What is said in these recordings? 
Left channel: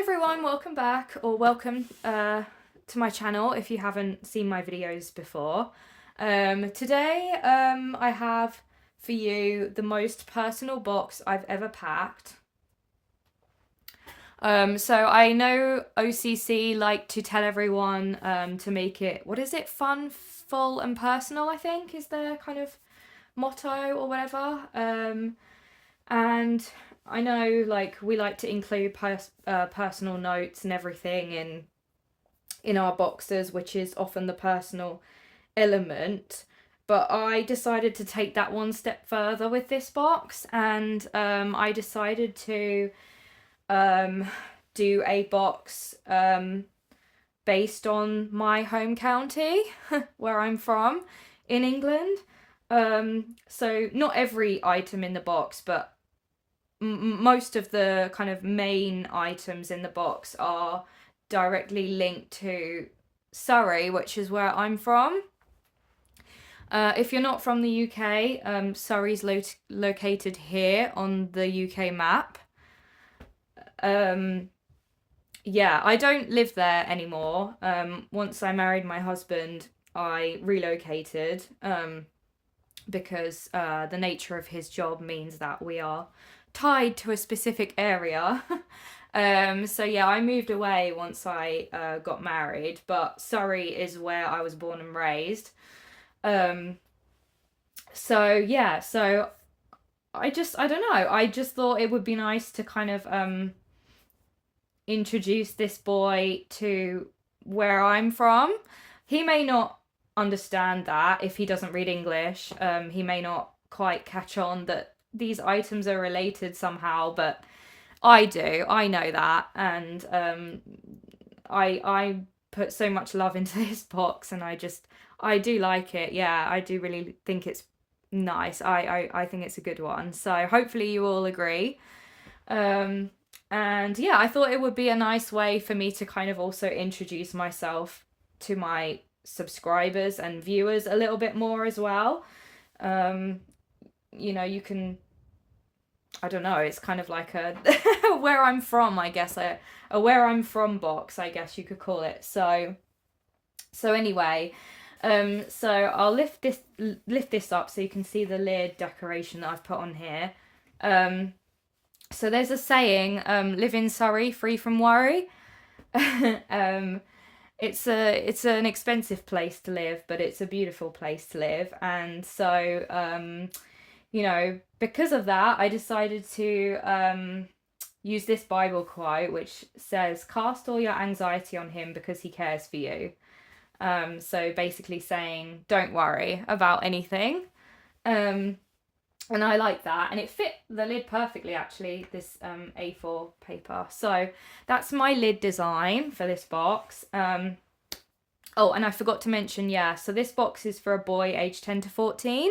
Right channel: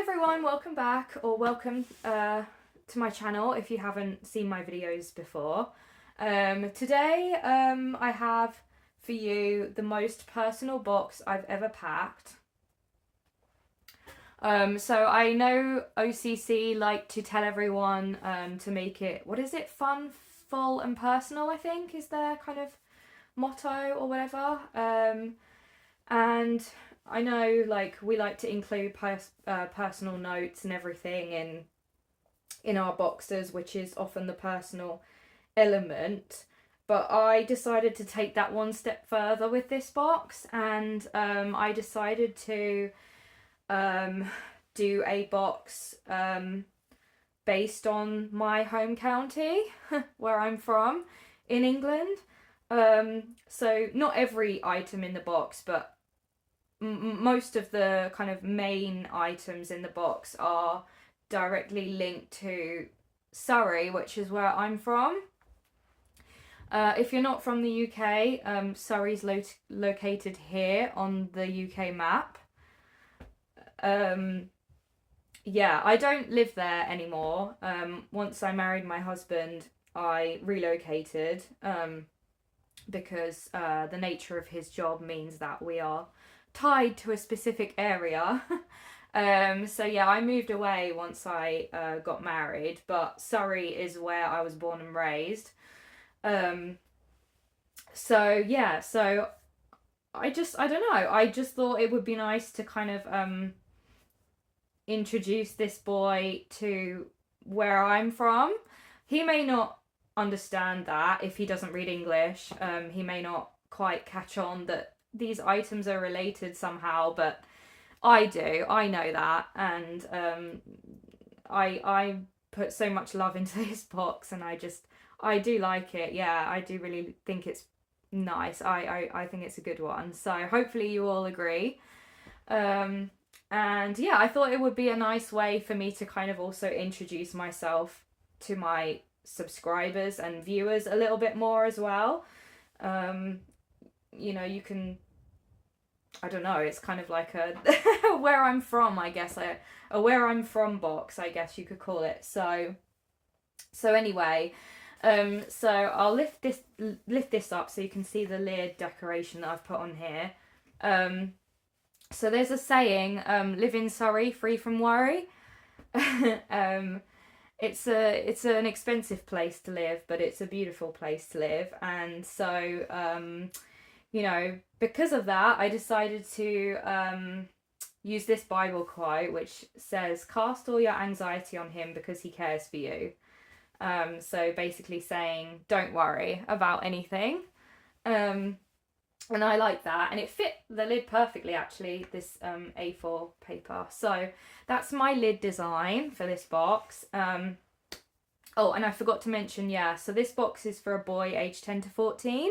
everyone, welcome back, or welcome to my channel if you haven't seen my videos before. Today I have for you the most personal box I've ever packed. So I know OCC like to tell everyone to make it, what is it, fun, full and personal, I think is their kind of motto or whatever. And I know, like, we like to include personal notes and everything in our boxes, which is often the personal element. But I decided to take that one step further with this box, and I decided to do a box based on my home county, where I'm from, in England. So not every item in the box, but most of the kind of main items in the box are directly linked to Surrey, which is where I'm from. If you're not from the UK, Surrey's located here on the UK map. Yeah, I don't live there anymore. Once I married my husband, I relocated because the nature of his job means that we are tied to a specific area. So yeah, I moved away once I got married, but Surrey is where I was born and raised. So yeah, so I don't know, I just thought it would be nice to kind of introduce this boy to where I'm from. He may not understand that if he doesn't read English. He may not quite catch on that these items are related somehow, but I do. I know that, and I put so much love into this box, and I do like it. Yeah, I do really think it's nice. I think it's a good one. So hopefully you all agree. And yeah, I thought it would be a nice way for me to kind of also introduce myself to my subscribers and viewers a little bit more as well. You know, you can, I don't know, it's kind of like a where I'm from, I guess, a where I'm from box, I guess you could call it. So anyway, so I'll lift this up so you can see the lid decoration that I've put on here. So there's a saying, live in Surrey, free from worry. It's an expensive place to live, but it's a beautiful place to live. And so, you know, because of that, I decided to use this Bible quote, which says, "Cast all your anxiety on him because he cares for you." So basically saying, don't worry about anything. And I like that, and it fit the lid perfectly, actually, this A4 paper. So that's my lid design for this box. Oh, and I forgot to mention, yeah, so this box is for a boy aged 10 to 14.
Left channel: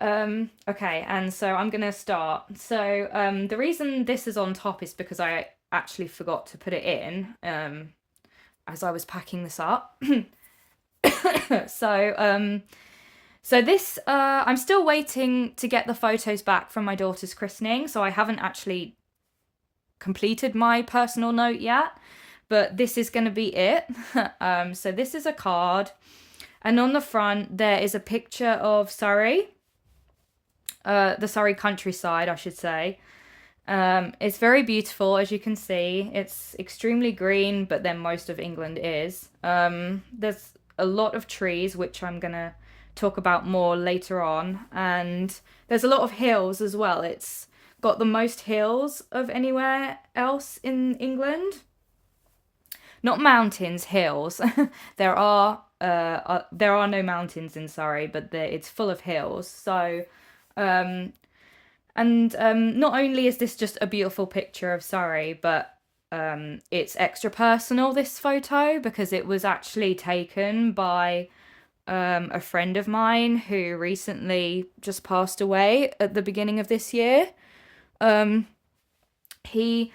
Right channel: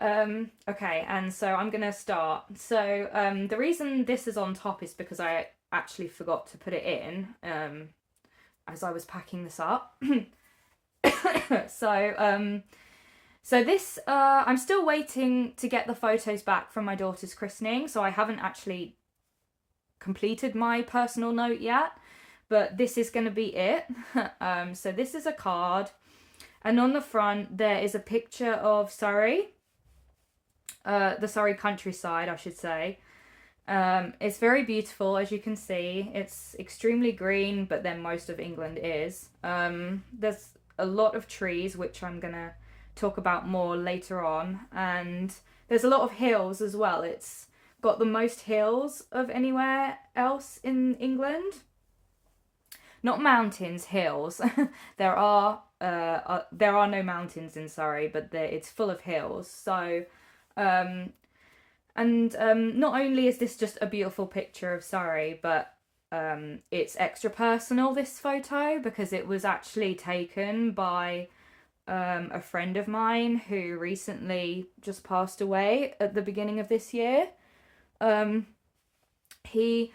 Okay, and so I'm gonna start. So the reason this is on top is because I actually forgot to put it in as I was packing this up. So this, I'm still waiting to get the photos back from my daughter's christening, so I haven't actually completed my personal note yet, but this is going to be it. So this is a card, and on the front there is a picture of Surrey, the Surrey countryside, I should say. It's very beautiful, as you can see. It's extremely green, but then most of England is. There's a lot of trees, which I'm gonna talk about more later on, and there's a lot of hills as well. It's got the most hills of anywhere else in England. Not mountains, hills. There are no mountains in Surrey, but it's full of hills. So not only is this just a beautiful picture of Surrey, but it's extra personal, this photo, because it was actually taken by a friend of mine who recently just passed away at the beginning of this year. He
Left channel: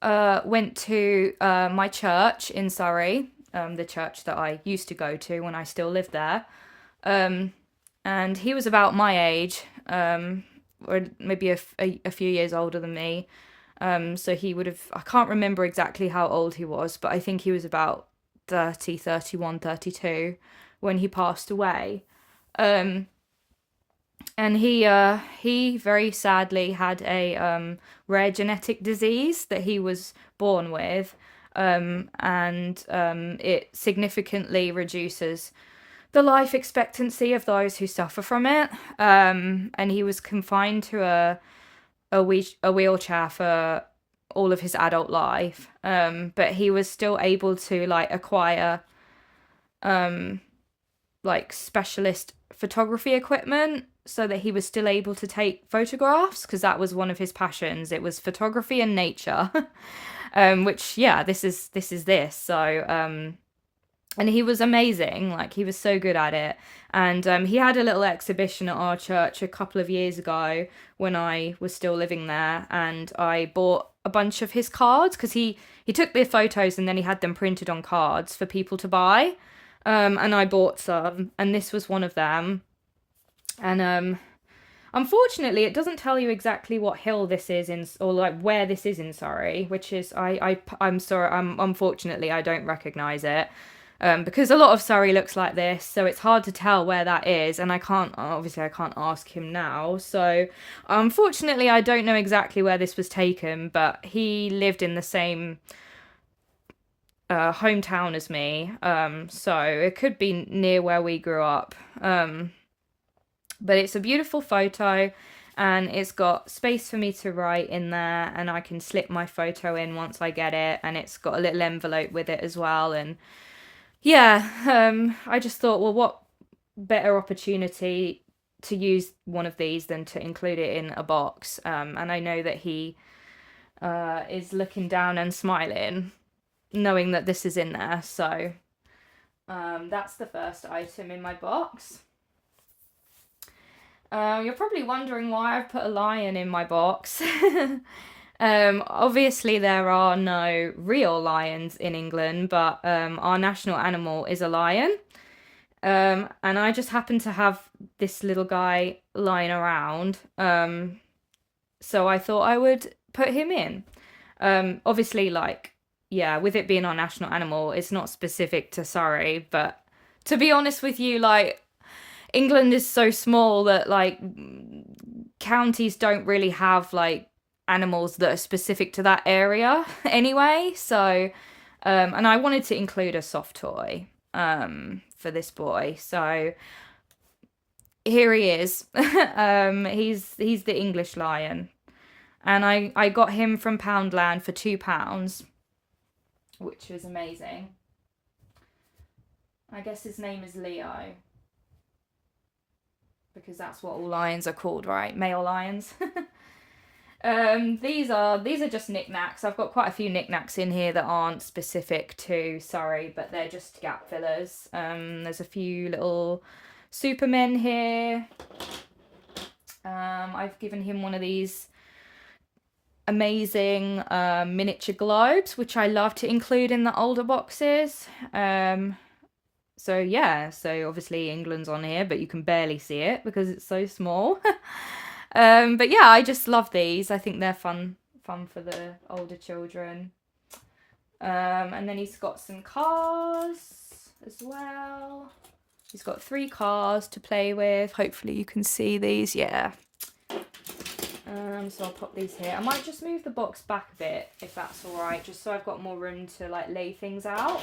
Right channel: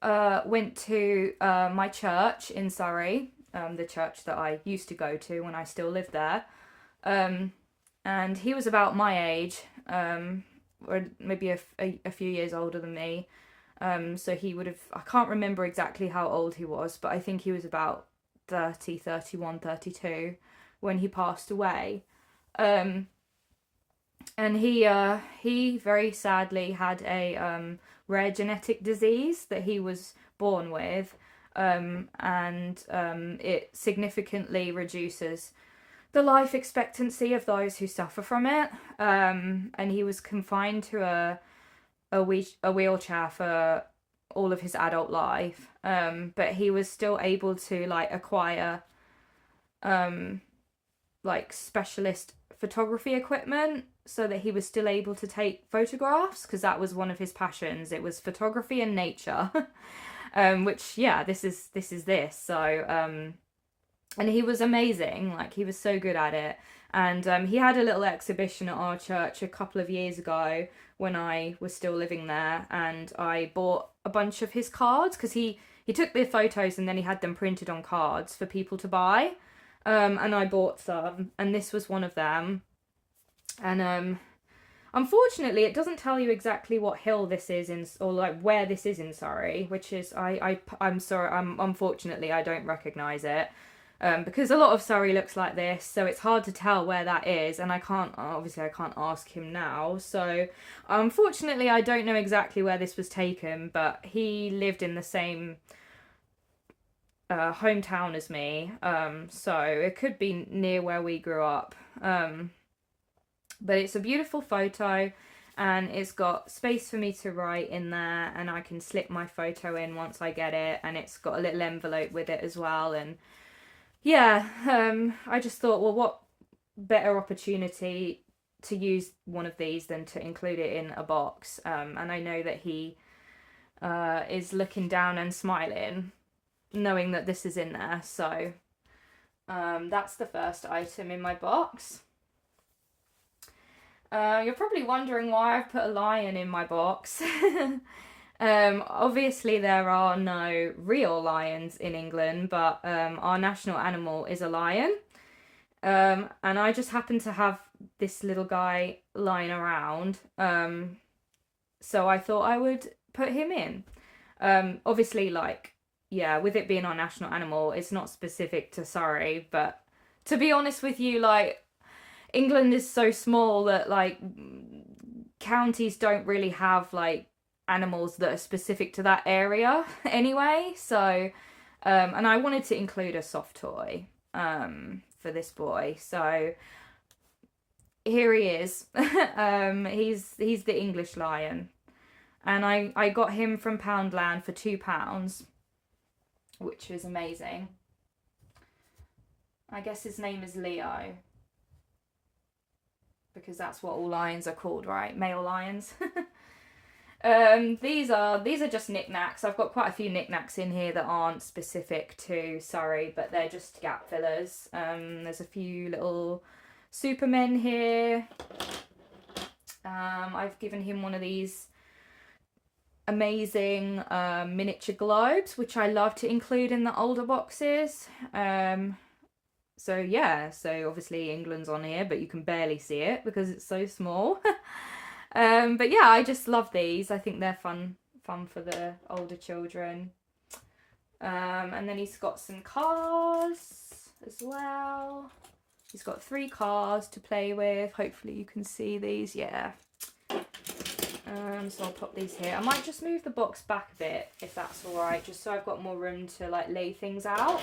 went to my church in Surrey, the church that I used to go to when I still lived there. And he was about my age, or maybe a few years older than me. So he would have, I can't remember exactly how old he was, but I think he was about 30, 31, 32 when he passed away. Um, and he very sadly had a rare genetic disease that he was born with, and it significantly reduces the life expectancy of those who suffer from it. And he was confined to a wheelchair for all of his adult life. But he was still able to like acquire like specialist photography equipment so that he was still able to take photographs, because that was one of his passions. It was photography and nature. Which, yeah, this is this. So and he was amazing. Like, he was so good at it. And he had a little exhibition at our church a couple of years ago when I was still living there, and I bought a bunch of his cards, because he took the photos and then he had them printed on cards for people to buy. And I bought some, and this was one of them. And unfortunately, it doesn't tell you exactly what hill this is in, or like where this is in Surrey, which is I'm sorry, unfortunately I don't recognise it. Because a lot of Surrey looks like this, so it's hard to tell where that is, and I can't ask him now. So unfortunately, I don't know exactly where this was taken, but he lived in the same hometown as me, so it could be near where we grew up. But it's a beautiful photo, and it's got space for me to write in there, and I can slip my photo in once I get it, and it's got a little envelope with it as well. And yeah, I just thought, well, what better opportunity to use one of these than to include it in a box. And I know that he is looking down and smiling, knowing that this is in there. So that's the first item in my box. You're probably wondering why I've put a lion in my box. Obviously there are no real lions in England, but our national animal is a lion. And I just happen to have this little guy lying around. So I thought I would put him in. Obviously, like, yeah, with it being our national animal, it's not specific to Surrey, but to be honest with you, like, England is so small that like counties don't really have like animals that are specific to that area anyway. So and I wanted to include a soft toy for this boy. So here he is. He's the English lion. And I got him from Poundland for £2, which is amazing. I guess his name is Leo, because that's what all lions are called, right? Male lions. These are just knickknacks. I've got quite a few knickknacks in here that aren't specific to Surrey, but they're just gap fillers. There's a few little Supermen here. I've given him one of these amazing miniature globes, which I love to include in the older boxes. So yeah, so obviously England's on here, but you can barely see it because it's so small. But yeah, I just love these. I think they're fun for the older children. And then he's got some cars as well. He's got 3 cars to play with. Hopefully you can see these. Yeah. So I'll pop these here. I might just move the box back a bit, if that's all right, just so I've got more room to like lay things out.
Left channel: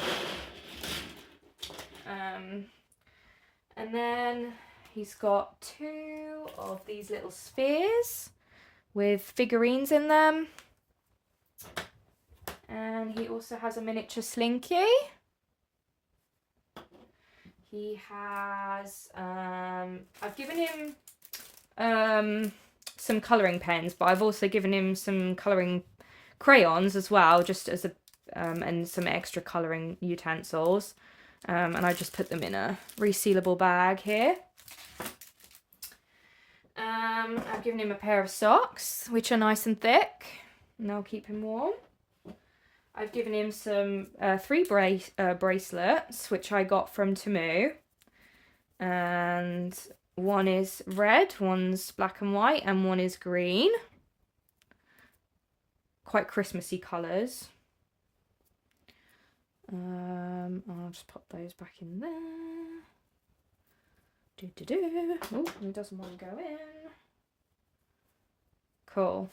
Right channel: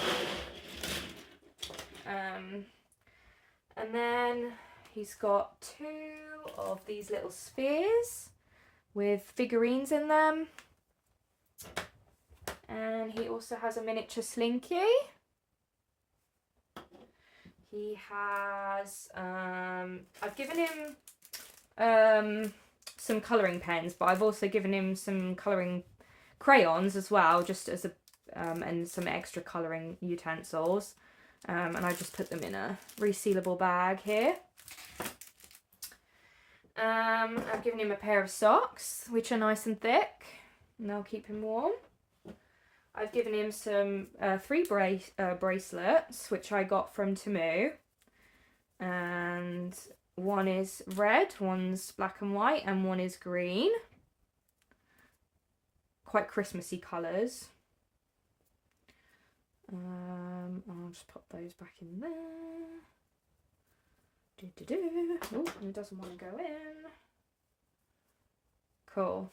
And then he's got 2 of these little spheres with figurines in them. And he also has a miniature Slinky. He has, I've given him some colouring pens, but I've also given him some colouring crayons as well, just as a, and some extra colouring utensils. And I just put them in a resealable bag here. I've given him a pair of socks, which are nice and thick, and they'll keep him warm. I've given him some 3 bracelets, which I got from Temu. And one is red, one's black and white, and one is green. quite Christmassy colours. I'll just pop those back in there. Oh, it doesn't want to go in. Cool.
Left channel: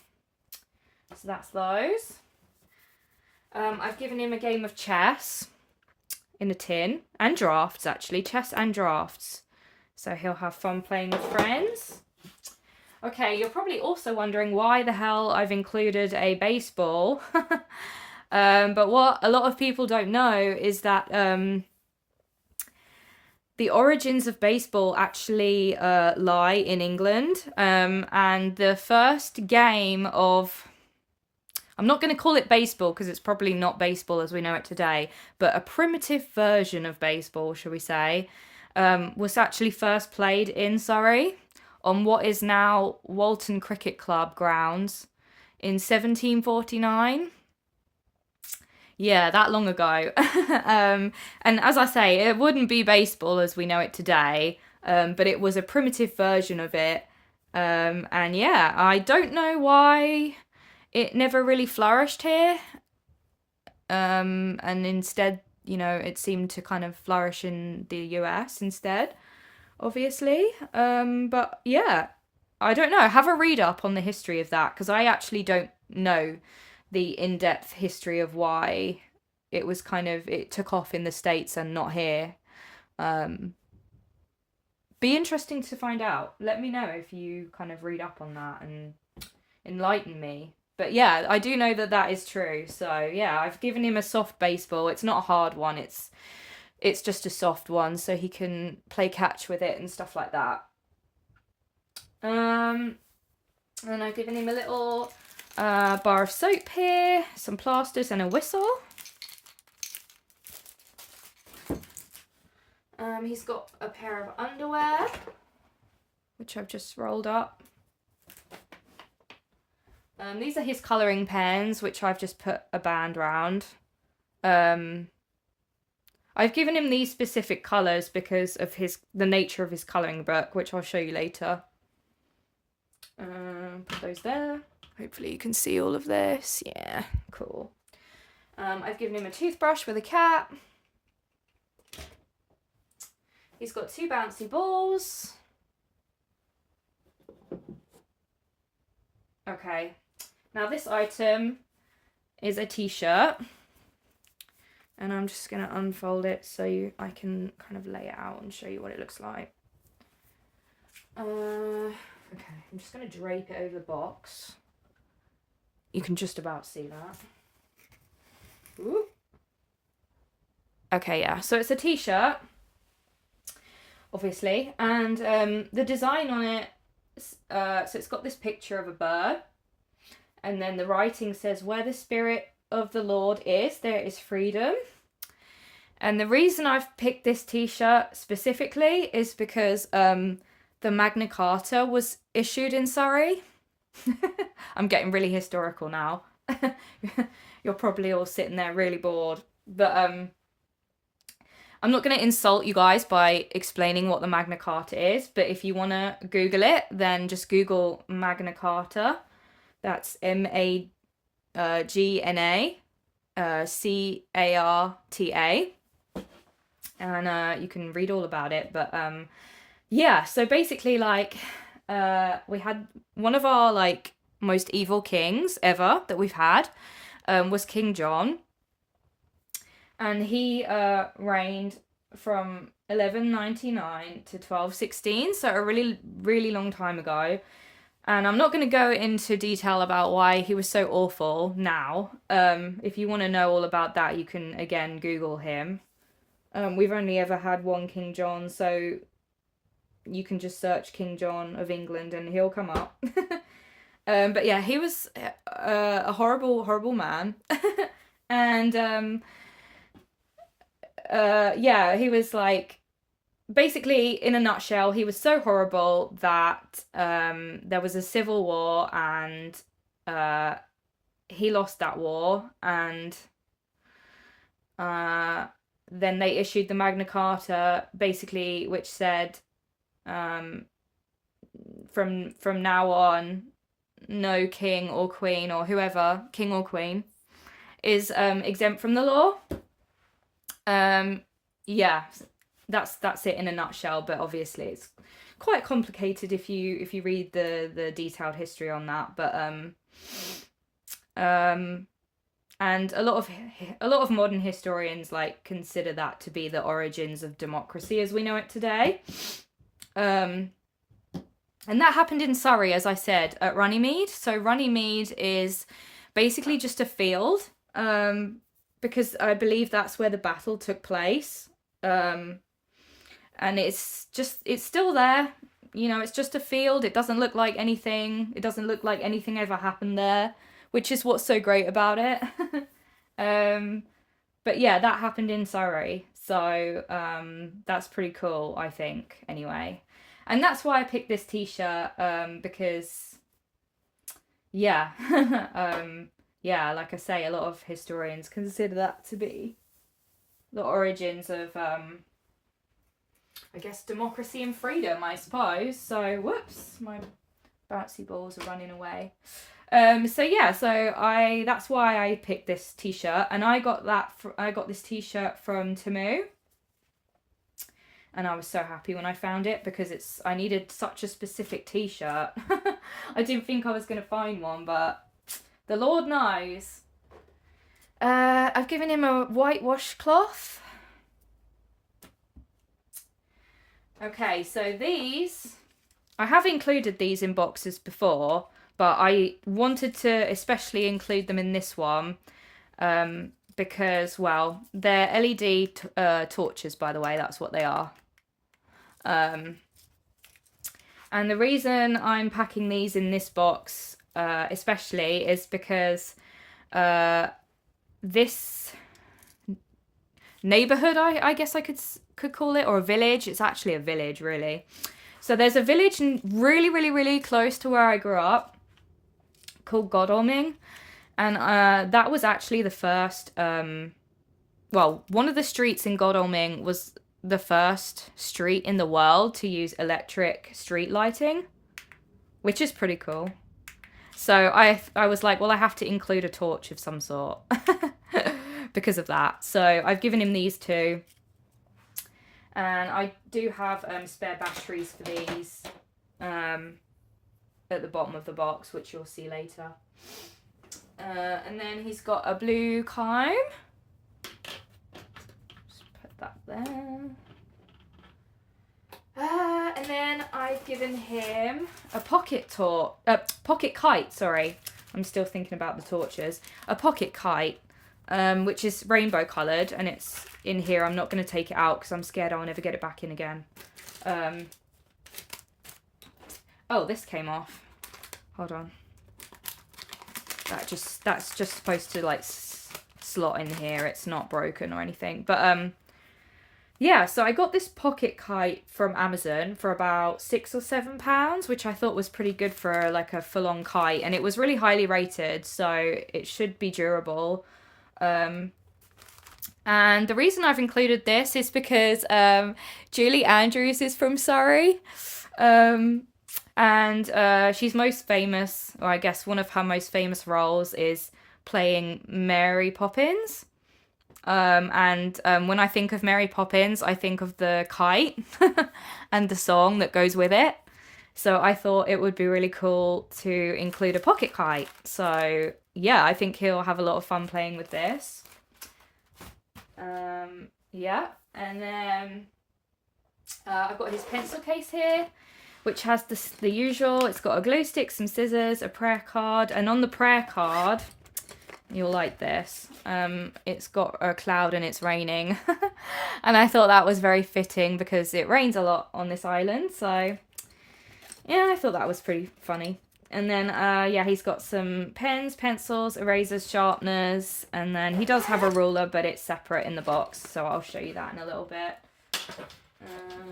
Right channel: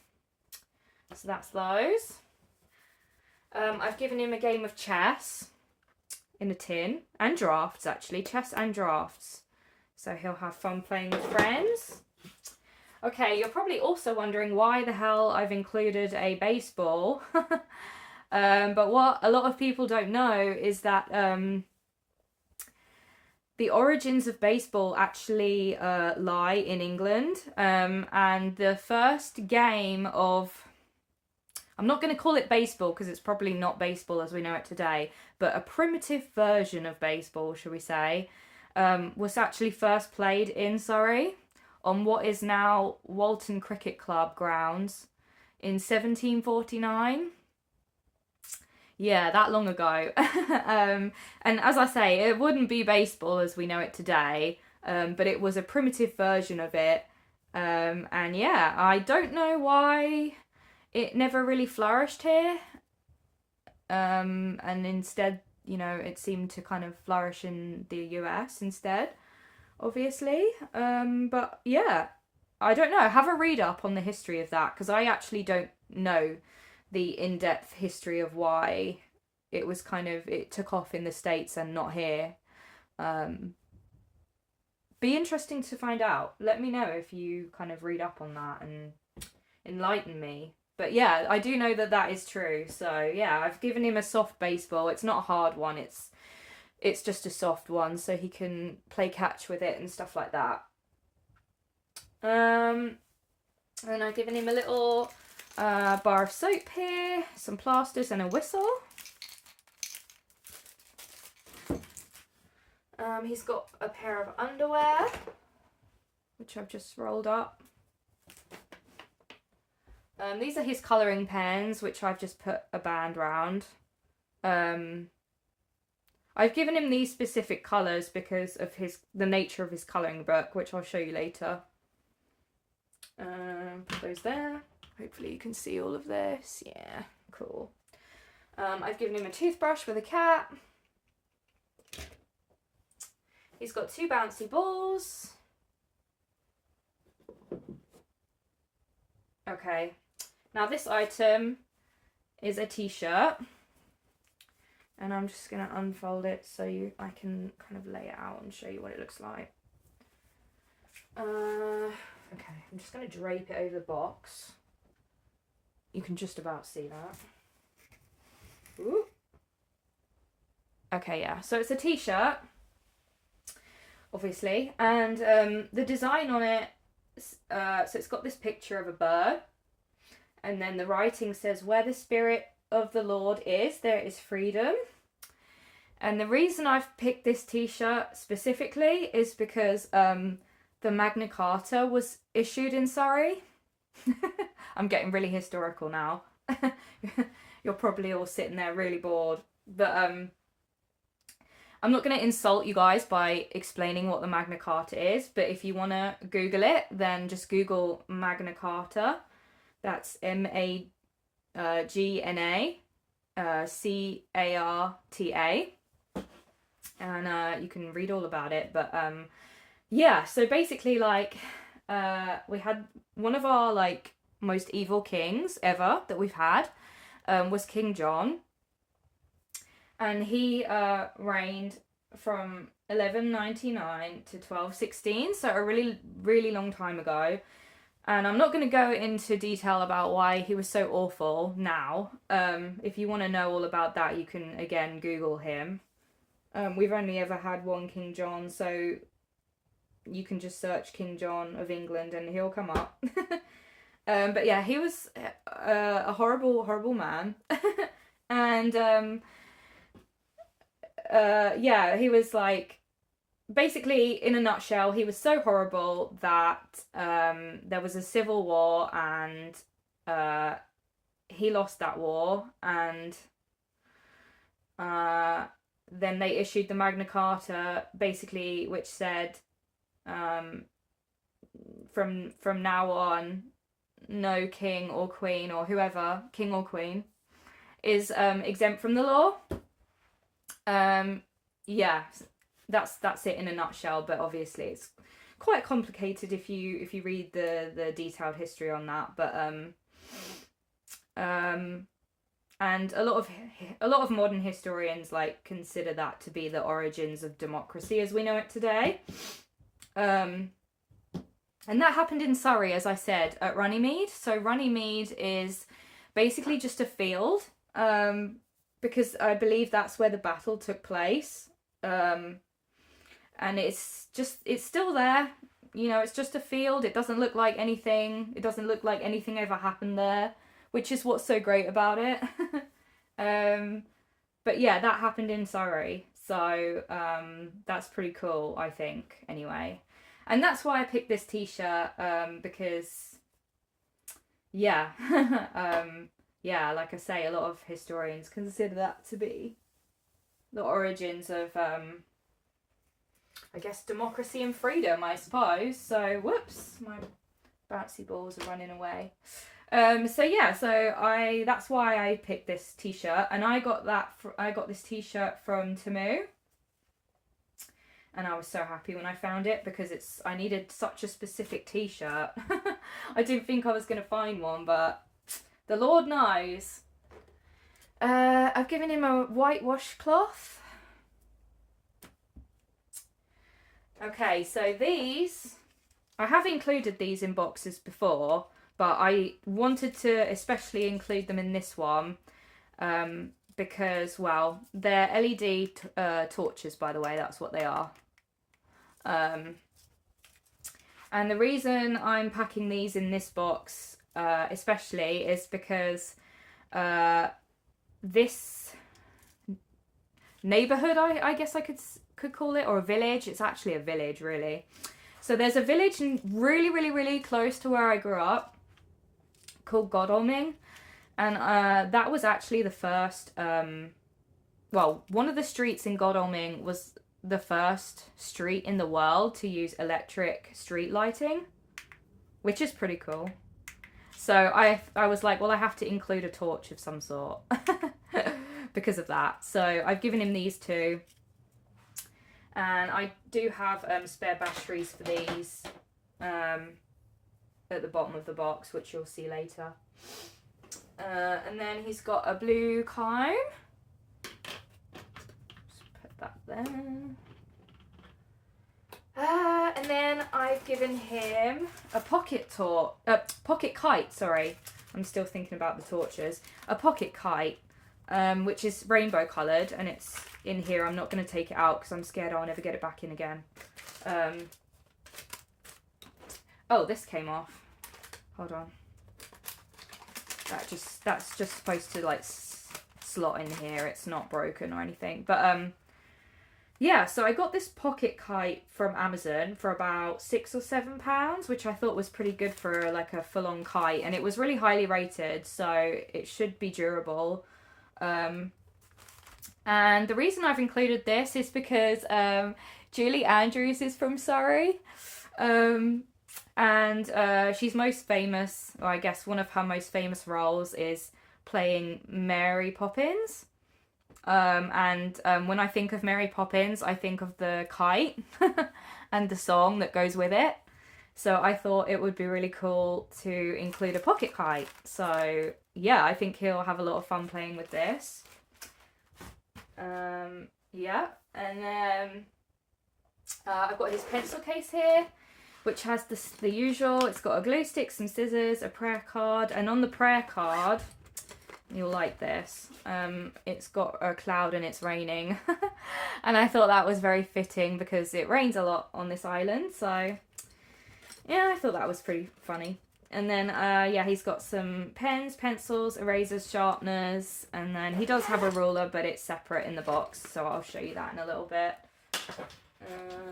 So that's those. I've given him a game of chess in a tin, and drafts actually, chess and drafts. So he'll have fun playing with friends. Okay, you're probably also wondering why the hell I've included a baseball. But what a lot of people don't know is that the origins of baseball actually lie in England. And the first game of, I'm not going to call it baseball because it's probably not baseball as we know it today, but a primitive version of baseball, shall we say, was actually first played in Surrey on what is now Walton Cricket Club grounds in 1749. Yeah, that long ago. And as I say, it wouldn't be baseball as we know it today, but it was a primitive version of it. And yeah, I don't know why it never really flourished here. And instead, you know, it seemed to kind of flourish in the US instead, obviously. But yeah, I don't know. Have a read up on the history of that, because I actually don't know the in-depth history of why it was kind of, it took off in the States and not here. Be interesting to find out. Let me know if you kind of read up on that and enlighten me. But yeah, I do know that that is true. So yeah, I've given him a soft baseball. It's not a hard one. It's just a soft one, so he can play catch with it and stuff like that. And I've given him a little bar of soap here, some plasters and a whistle. He's got a pair of underwear, which I've just rolled up. These are his colouring pens, which I've just put a band round. I've given him these specific colours because of the nature of his colouring book, which I'll show you later. Put those there. Hopefully you can see all of this. Yeah, cool. I've given him a toothbrush with a cap. He's got 2 bouncy balls. Okay, now this item is a t-shirt, and I'm just going to unfold it so I can kind of lay it out and show you what it looks like. Okay, I'm just going to drape it over the box. You can just about see that. Ooh. Okay, yeah, so it's a t-shirt, obviously, and the design on it, so it's got this picture of a bird, and then the writing says, "Where the Spirit of the Lord is, there is freedom." And the reason I've picked this t-shirt specifically is because the Magna Carta was issued in Surrey. I'm getting really historical now. You're probably all sitting there really bored, but I'm not going to insult you guys by explaining what the Magna Carta is, but if you want to Google it, then just Google Magna Carta. That's MAGNA CARTA, and you can read all about it. But yeah, so basically, like, we had one of our like most evil kings ever that we've had was King John. And he reigned from 1199 to 1216, so a really, really long time ago. And I'm not going to go into detail about why he was so awful now. If you want to know all about that, you can, again, Google him. We've only ever had one King John, so you can just search King John of England and he'll come up. But yeah, he was a horrible, horrible man. And yeah, he was like, basically, in a nutshell, he was so horrible that there was a civil war, and he lost that war, and then they issued the Magna Carta, basically, which said from now on, no king or queen or whoever, king or queen, is exempt from the law. Yeah, that's it in a nutshell, but obviously it's quite complicated if you read the detailed history on that. But and a lot of modern historians like consider that to be the origins of democracy as we know it today. And that happened in Surrey, as I said, at Runnymede. So Runnymede is basically just a field, because I believe that's where the battle took place. And it's still there. You know, it's just a field. It doesn't look like anything. It doesn't look like anything ever happened there, which is what's so great about it. But yeah, that happened in Surrey. So that's pretty cool, I think, anyway. And that's why I picked this t-shirt, because, yeah, yeah, like I say, a lot of historians consider that to be the origins of, I guess, democracy and freedom, I suppose. So, whoops, my bouncy balls are running away. So yeah, that's why I picked this t-shirt, and I got this t-shirt from Temu. And I was so happy when I found it, because I needed such a specific t-shirt. I didn't think I was going to find one, but the Lord knows. I've given him a white washcloth. Okay, so I have included these in boxes before, but I wanted to especially include them in this one, because, well, they're LED torches, by the way, that's what they are. And the reason I'm packing these in this box, especially, is because this neighborhood, I guess I could call it, or a village. It's actually a village, really. So there's a village really, really, really close to where I grew up called Godalming, and that was actually the first. Well, one of the streets in Godalming was the first street in the world to use electric street lighting, which is pretty cool. So I was like, well, I have to include a torch of some sort because of that. So I've given him these two, and I do have spare batteries for these at the bottom of the box, which you'll see later. And then he's got a blue comb. That there. And then I've given him a pocket kite, sorry. I'm still thinking about the torches. A pocket kite, which is rainbow coloured, and it's in here. I'm not going to take it out because I'm scared I'll never get it back in again. Oh, this came off. Hold on. That's just supposed to like slot in here. It's not broken or anything. But yeah, so I got this pocket kite from Amazon for about £6 or £7, which I thought was pretty good for like a full-on kite, and it was really highly rated, so it should be durable. And the reason I've included this is because Julie Andrews is from Surrey, and she's most famous, or I guess one of her most famous roles is playing Mary Poppins. When I think of Mary Poppins, I think of the kite and the song that goes with it. So I thought it would be really cool to include a pocket kite. So yeah, I think he'll have a lot of fun playing with this. Yeah, and then I've got his pencil case here, which has the usual. It's got a glue stick, some scissors, a prayer card, and on the prayer card, you'll like this. It's got a cloud and it's raining. And I thought that was very fitting because it rains a lot on this island. So yeah, I thought that was pretty funny. And then, yeah, he's got some pens, pencils, erasers, sharpeners. And then he does have a ruler, but it's separate in the box. So I'll show you that in a little bit.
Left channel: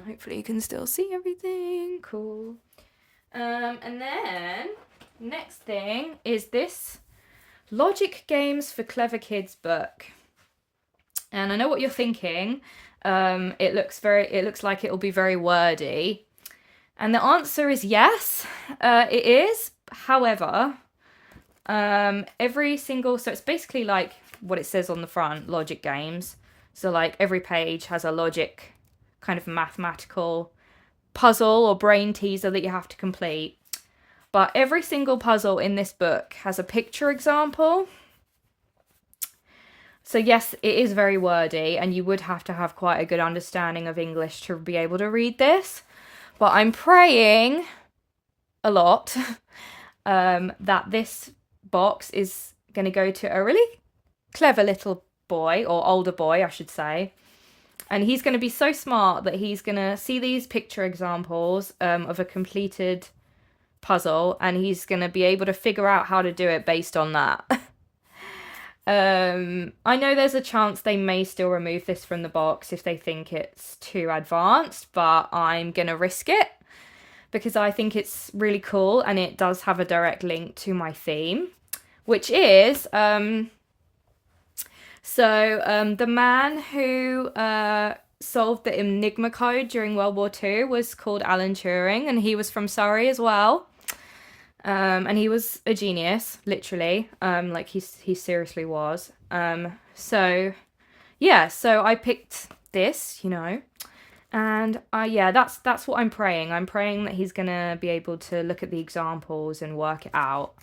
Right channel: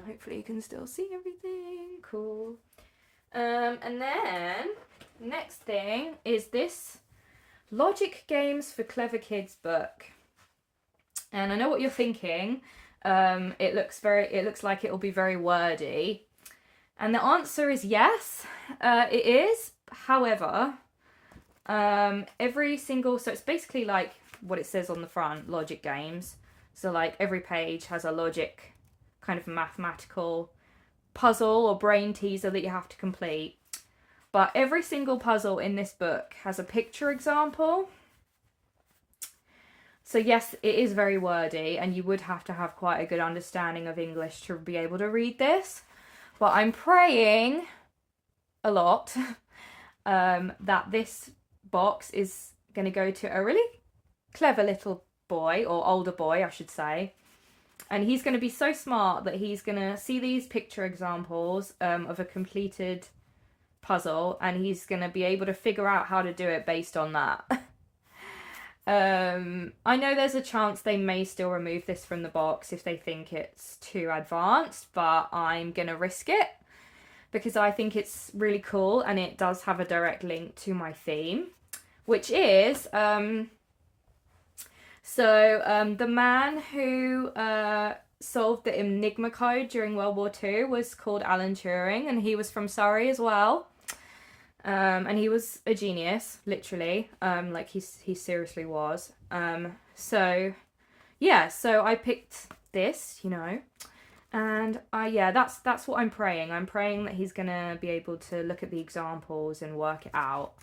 Hopefully you can still see everything. Cool. And then next thing is this Logic Games for Clever Kids book. And I know what you're thinking. It looks like it'll be very wordy. And the answer is yes, it is. However, every single, so it's basically like what it says on the front, logic games. So like every page has a logic kind of mathematical puzzle or brain teaser that you have to complete. But every single puzzle in this book has a picture example. So yes, it is very wordy, and you would have to have quite a good understanding of English to be able to read this. But I'm praying a lot that this box is going to go to a really clever little boy, or older boy, I should say. And he's going to be so smart that he's going to see these picture examples of a completed puzzle, and he's going to be able to figure out how to do it based on that. I know there's a chance they may still remove this from the box if they think it's too advanced, but I'm gonna risk it because I think it's really cool, and it does have a direct link to my theme, which is the man who solved the Enigma code during World War II was called Alan Turing, and he was from Surrey as well. And he was a genius, literally. Like he seriously was. So yeah, so I picked this, you know, and yeah, that's what I'm praying. I'm praying that he's gonna be able to look at the examples and work it out.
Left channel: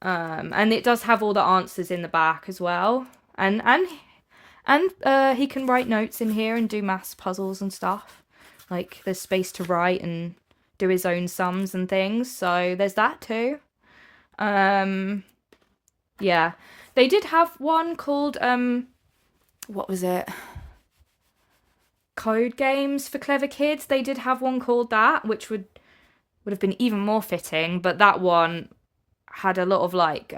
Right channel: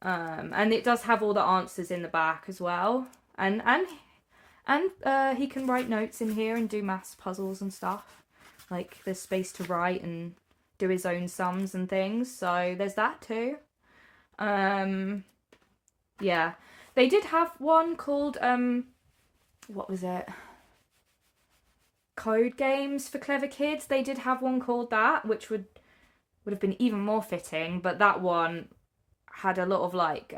And it does have all the answers in the back as well, and he can write notes in here and do maths puzzles and stuff. Like there's space to write and do his own sums and things, so there's that too. Yeah, they did have one called what was it, Code Games for Clever Kids. They did have one called that, which would have been even more fitting, but that one had a lot of like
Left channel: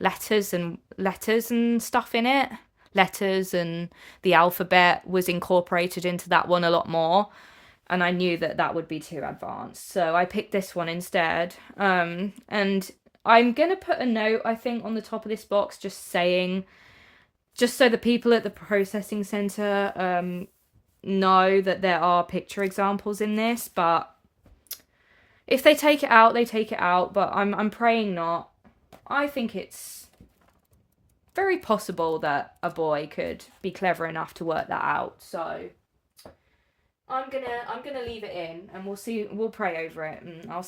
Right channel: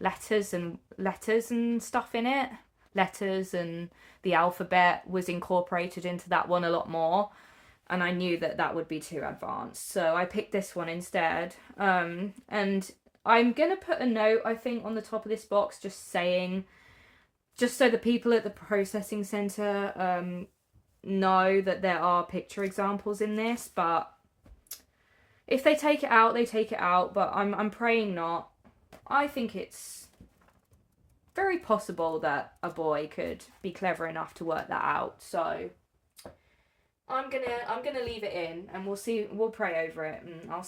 letters and stuff in it. Letters and the alphabet was incorporated into that one a lot more, and I knew that would be too advanced, so I picked this one instead. And I'm gonna put a note, I think, on the top of this box, just saying, just so the people at the processing center know that there are picture examples in this. But if they take it out, they take it out. But I'm praying not. I think it's very possible that a boy could be clever enough to work that out. So I'm gonna leave it in, and we'll see. We'll pray over it, and we'll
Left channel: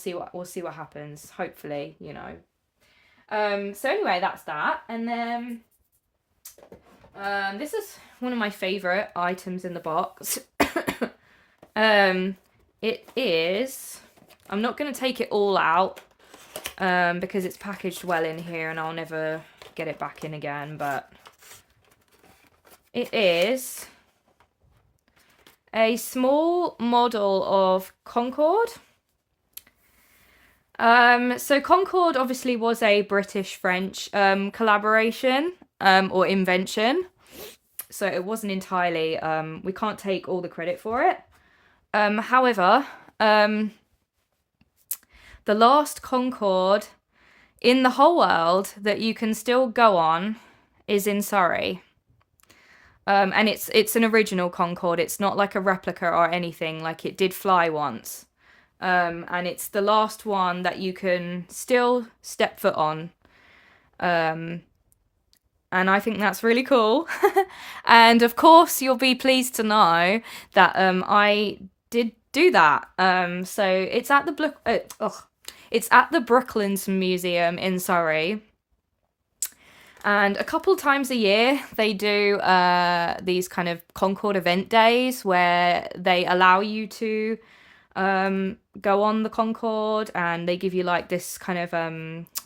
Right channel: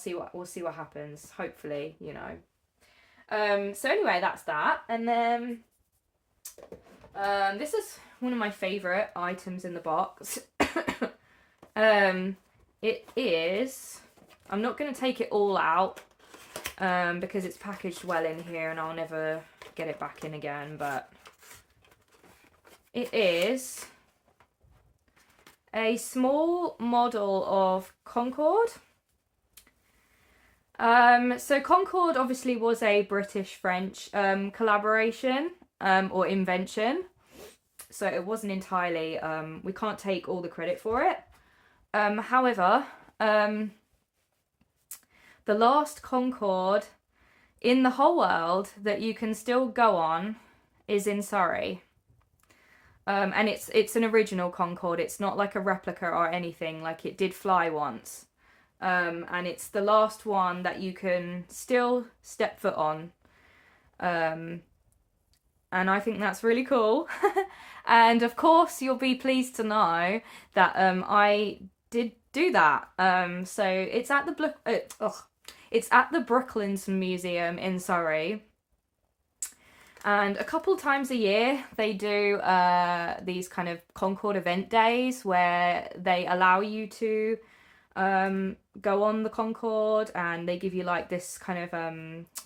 see what happens. Hopefully, you know. So anyway, that's that, and then this is one of my favorite items in the box. It is. I'm not gonna take it all out because it's packaged well in here, and I'll never get it back in again. But it is a small model of Concord. So Concord obviously was a British-French collaboration or invention. So it wasn't entirely, we can't take all the credit for it. However, the last Concord in the whole world that you can still go on is in Surrey. And it's an original Concord. It's not like a replica or anything. Like, it did fly once. And it's the last one that you can still step foot on. And I think that's really cool. And of course, you'll be pleased to know that I did do that. So it's at the Brooklands Museum in Surrey. And a couple times a year, they do these kind of Concord event days where they allow you to go on the Concord, and they give you like this kind of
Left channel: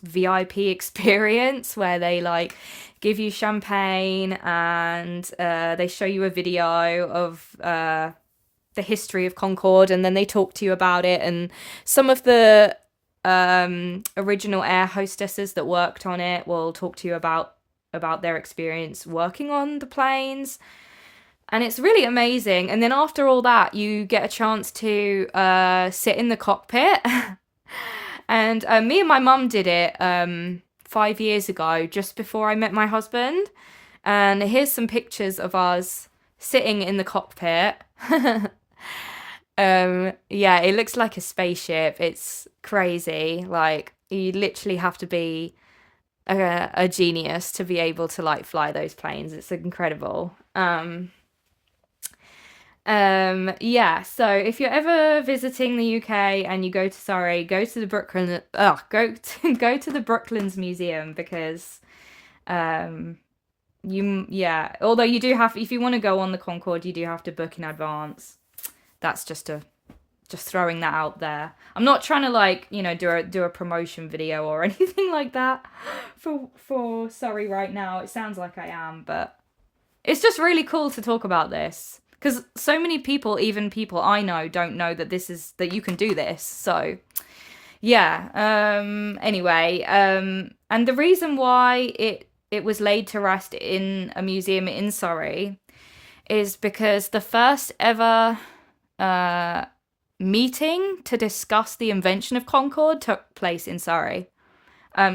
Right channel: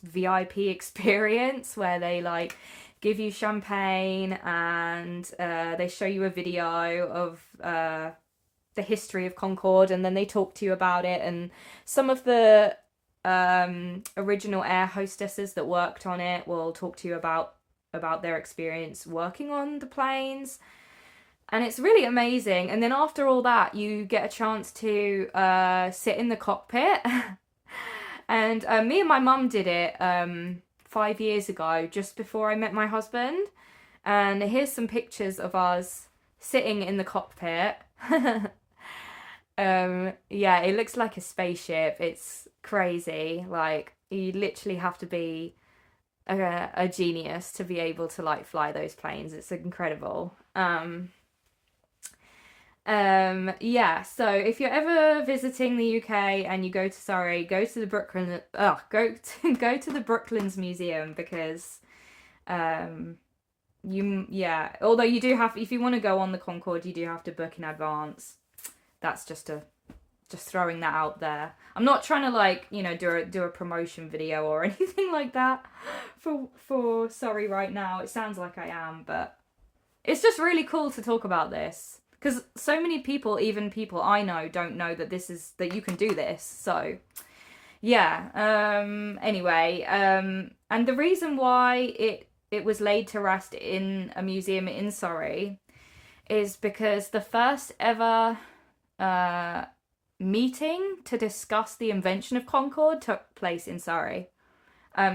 VIP experience where they like give you champagne, and they show you a video of the history of Concord, and then they talk to you about it. And some of the original air hostesses that worked on it will talk to you about their experience working on the planes, and it's really amazing. And then after all that, you get a chance to sit in the cockpit. And me and my mum did it 5 years ago, just before I met my husband, and here's some pictures of us sitting in the cockpit. Yeah, it looks like a spaceship. It's crazy. Like, You literally have to be a genius to be able to like fly those planes. It's incredible. Yeah, so if you're ever visiting the UK and you go to Surrey, go to the go to the Brooklands Museum, because although you do have, if you want to go on the Concord, you do have to book in advance. That's just throwing that out there. I'm not trying to like, you know, do a promotion video or anything like that for Surrey right now. It sounds like I am, but it's just really cool to talk about this, because so many people, even people I know, don't know that that you can do this. So yeah. Anyway, and the reason why it was laid to rest in a museum in Surrey is because the first ever meeting to discuss the invention of Concord took place in Surrey.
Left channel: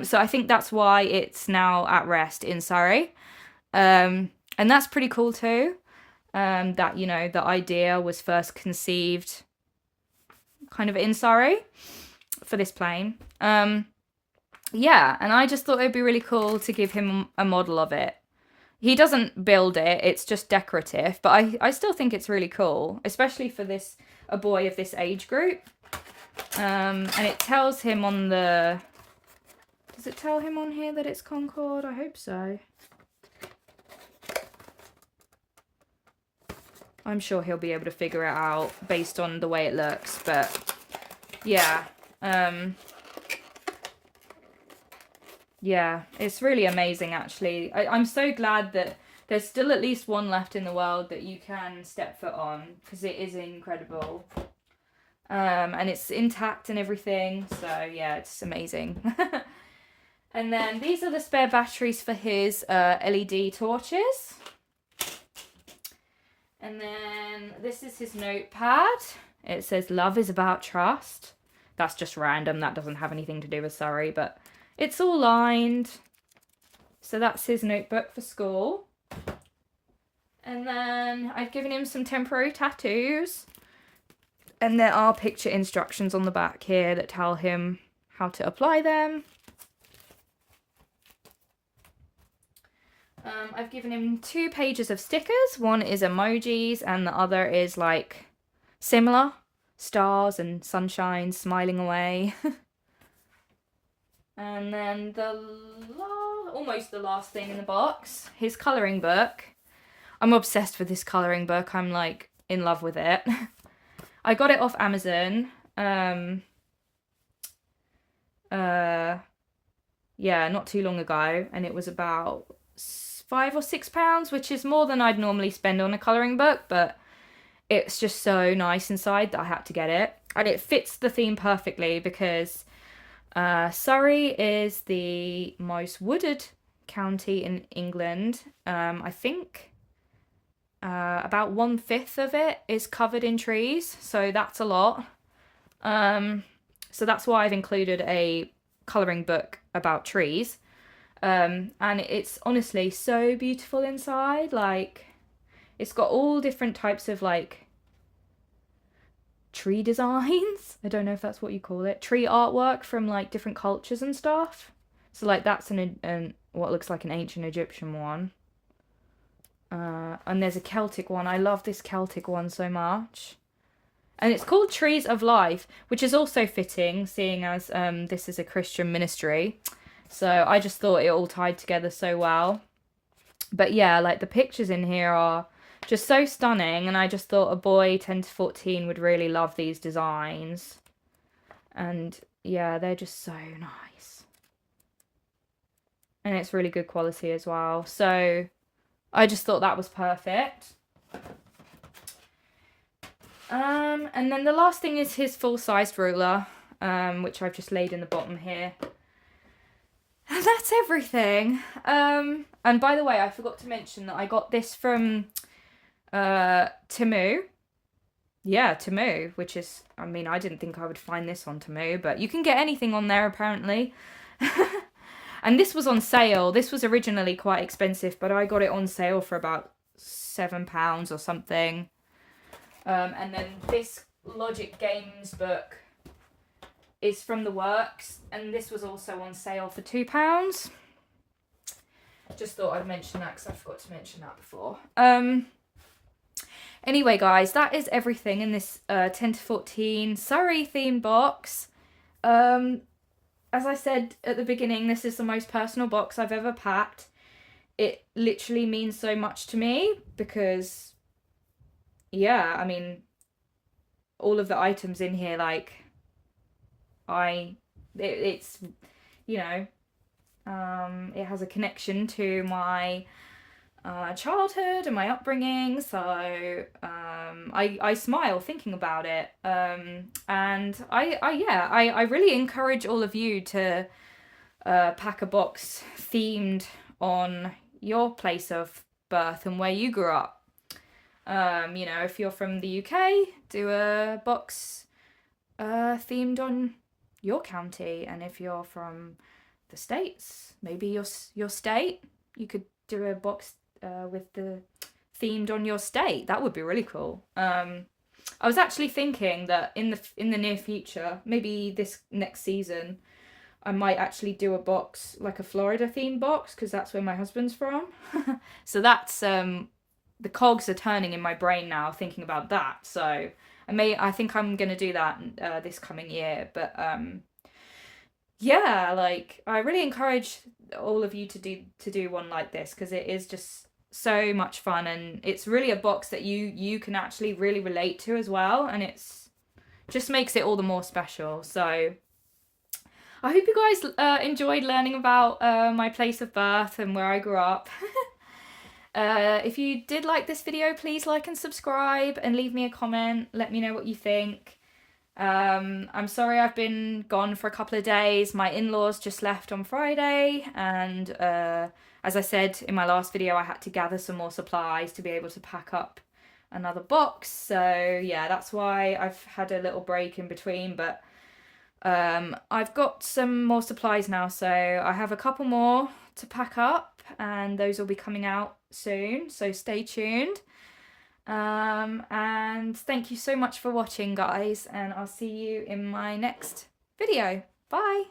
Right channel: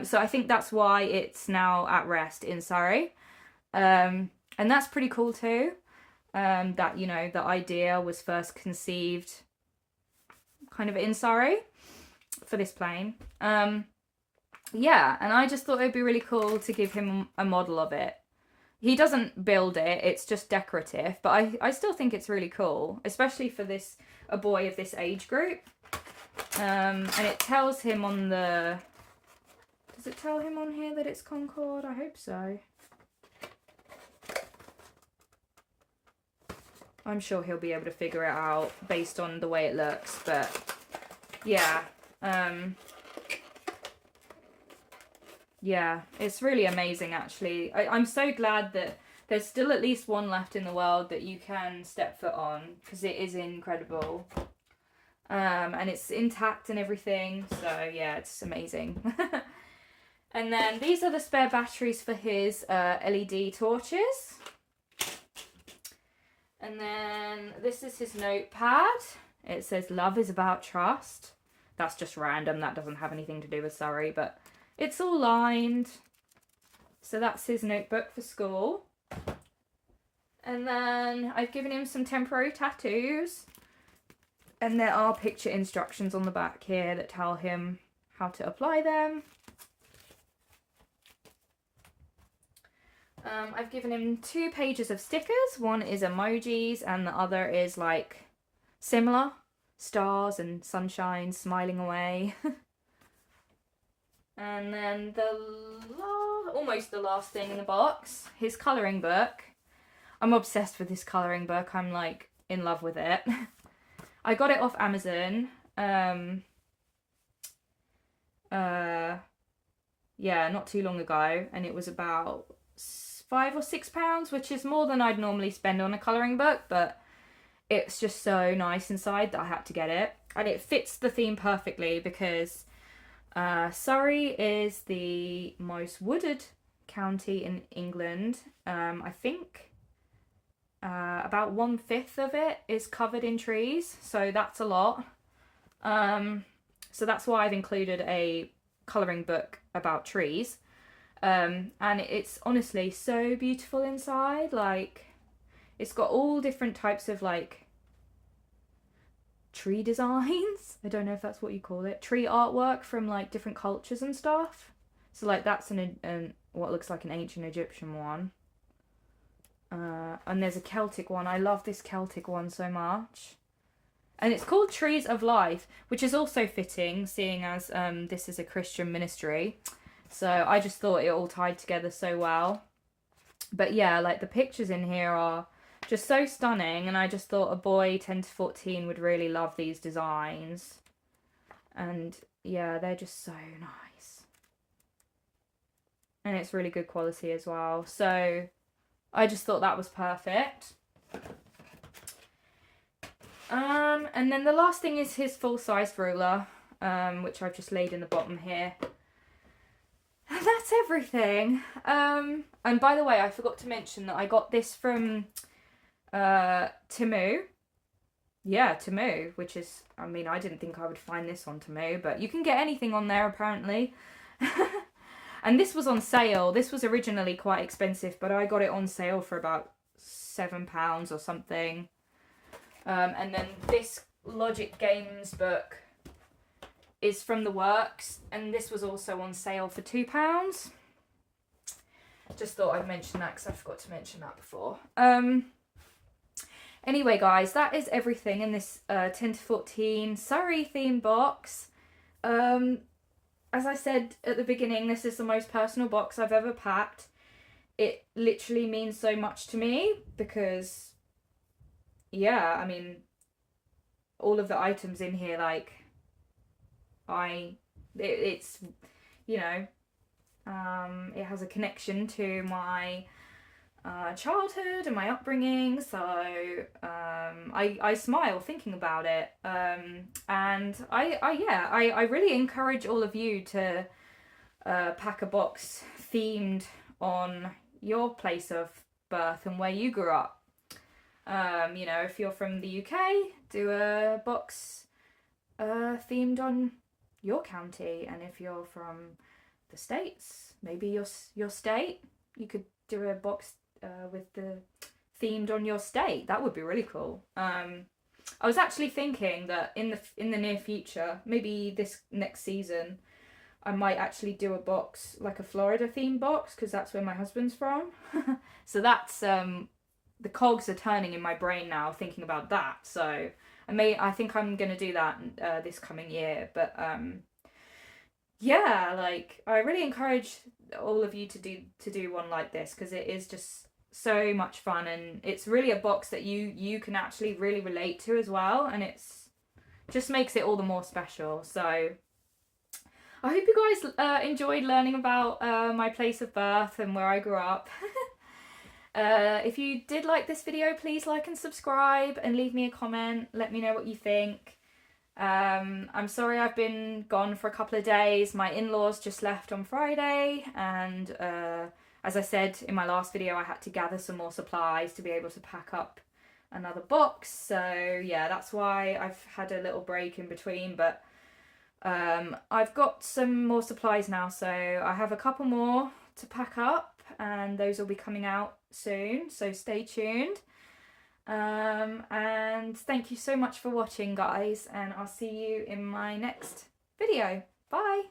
So I think that's why it's now at rest in Surrey. And that's pretty cool too. That, you know, the idea was first conceived kind of in Surrey for this plane. Yeah, and I just thought it'd be really cool to give him a model of it. He doesn't build it, it's just decorative, but I still think it's really cool, especially for a boy of this age group. And it tells him on the... Does it tell him on here that it's Concord? I hope so. I'm sure he'll be able to figure it out based on the way it looks, but yeah. Yeah, it's really amazing, actually. I'm so glad that there's still at least one left in the world that you can step foot on, because it is incredible. And it's intact and everything, so yeah, it's amazing. And then these are the spare batteries for his LED torches. And then this is his notepad. It says, "Love is about trust." That's just random. That doesn't have anything to do with Surrey, but it's all lined. So that's his notebook for school. And then I've given him some temporary tattoos. And there are picture instructions on the back here that tell him how to apply them. I've given him 2 pages of stickers. One is emojis and the other is like similar. Stars and sunshine, smiling away. And then almost the last thing in the box, his colouring book. I'm obsessed with this colouring book. I'm like in love with it. I got it off Amazon. Yeah, not too long ago, and it was about £5 or £6, which is more than I'd normally spend on a colouring book, but it's just so nice inside that I had to get it. And it fits the theme perfectly because Surrey is the most wooded county in England. I think about 1/5 of it is covered in trees, so that's a lot. So that's why I've included a colouring book about trees. And it's honestly so beautiful inside. Like, it's got all different types of like tree designs. I don't know if that's what you call it. Tree artwork from like different cultures and stuff. So like that's an what looks like an ancient Egyptian one. And there's a Celtic one. I love this Celtic one so much. And it's called Trees of Life, which is also fitting, seeing as this is a Christian ministry. So I just thought it all tied together so well. But yeah, like the pictures in here are just so stunning, and I just thought a boy 10 to 14 would really love these designs. And yeah, they're just so nice. And it's really good quality as well. So I just thought that was perfect. And then the last thing is his full-sized ruler, which I've just laid in the bottom here. And that's everything. And by the way, I forgot to mention that I got this from Temu. Yeah, Temu, which is, I mean, I didn't think I would find this on Temu, but you can get anything on there apparently. And this was on sale. This was originally quite expensive, but I got it on sale for about £7 or something. And then this Logic Games book is from the works, and this was also on sale for £2. Just thought I'd mention that because I forgot to mention that before. Anyway, guys, that is everything in this 10 to 14 Surrey themed box. As I said at the beginning, this is the most personal box I've ever packed. It literally means so much to me because, yeah, I mean, all of the items in here, like, it's, you know, it has a connection to my childhood and my upbringing, so I smile thinking about it, and I really encourage all of you to pack a box themed on your place of birth and where you grew up. You know, if you're from the UK, do a box themed on your county, and if you're from the States, maybe your state, you could do a box with the themed on your state. That would be really cool. I was actually thinking that in the near future, maybe this next season, I might actually do a box, like a Florida themed box, because that's where my husband's from. So that's the cogs are turning in my brain now thinking about that. So I think I'm gonna do that this coming year. But yeah, like, I really encourage all of you to do one like this, because it is just so much fun, and it's really a box that you can actually really relate to as well, and it's just makes it all the more special. So I hope you guys enjoyed learning about my place of birth and where I grew up. If you did like this video, please like and subscribe and leave me a comment. Let me know what you think. I'm sorry I've been gone for a couple of days. My in-laws just left on Friday, and as I said in my last video, I had to gather some more supplies to be able to pack up another box. So yeah, that's why I've had a little break in between, but I've got some more supplies now, so I have a couple more to pack up, and those will be coming out soon, so stay tuned. And thank you so much for watching, guys, and I'll see you in my next video. Bye.